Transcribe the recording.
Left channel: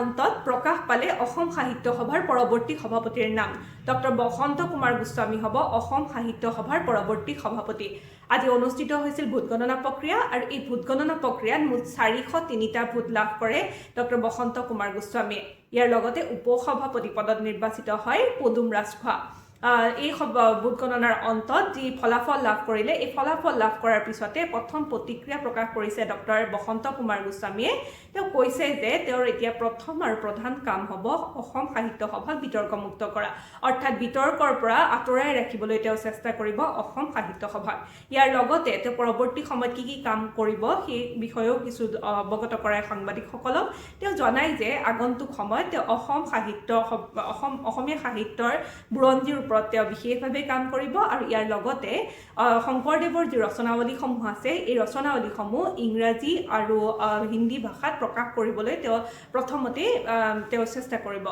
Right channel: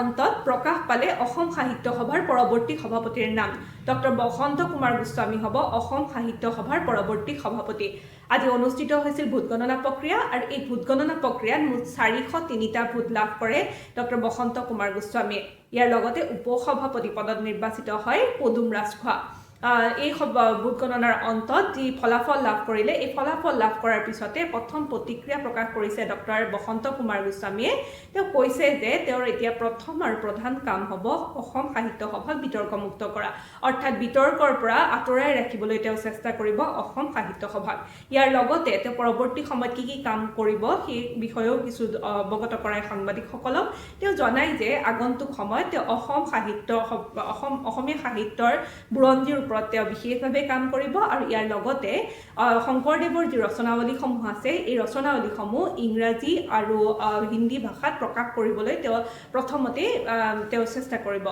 অন্তত প্ৰকাশ পালে অসম সাহিত্য সভাৰ পৰৱৰ্তী সভাপতিৰ নাম ডক্টৰ বসন্ত কুমাৰ গোস্বামী হ'ব অসম সাহিত্য সভাৰ পৰৱৰ্তী সভাপতি। আজি অনুষ্ঠিত হৈছিল ভোট গণনা প্ৰক্ৰিয়া আৰু এই ভোট গণনা প্ৰক্ৰিয়াত মুঠ 403টা ভোট লাভ কৰে ডক্টৰ বসন্ত কুমাৰ গোস্বামীয়ে। ইয়াৰ লগতে উপসভাপতি পদত নিৰ্বাচিত হয় পদুম ৰাজখোৱা। এই ভোট গণনাৰ অন্তত যি ফলাফল লাভ কৰিলে এই ফলাফল লাভ কৰাৰ পিছতে প্ৰথম প্ৰতিক্ৰিয়া প্ৰকাশ কৰিছে ডক্টৰ বসন্ত কুমাৰ গোস্বামীয়ে। তেওঁ কৈছে যে তেওঁৰ এতিয়া প্ৰথম আৰু প্ৰধান কাম হ'ব অসম সাহিত্য সভাক বিতৰ্কমুক্ত কৰা, অৰ্থাৎ বিতৰ্কৰ পৰা আঁতৰাই ৰাখিবলৈ তেওঁ চেষ্টা কৰিব অসম সাহিত্য সভাক। ইয়াৰ লগতে তেওঁ পৰৱৰ্তী সময়ত কি কাম কৰিব সেই বিষয়েও কিছু অৱগত কৰায় সাংবাদিকসকলক। তেওঁ জনায় যে আগন্তুক সময়ত তেওঁ অসমীয়া সাহিত্যৰ বুৰঞ্জীৰ ওপৰত তেওঁ বিশেষভাৱে কাম কৰিব আৰু ইয়াৰ লগতে শংকৰদেৱৰ যি ৰচনাৱলীসমূহ আছে এই ৰচনাৱলীসমূহ ইংৰাজী আৰু হিন্দী ভাষাত প্ৰকাশ কৰিবলৈ তেওঁ প্ৰথমতে চেষ্টা কৰিব।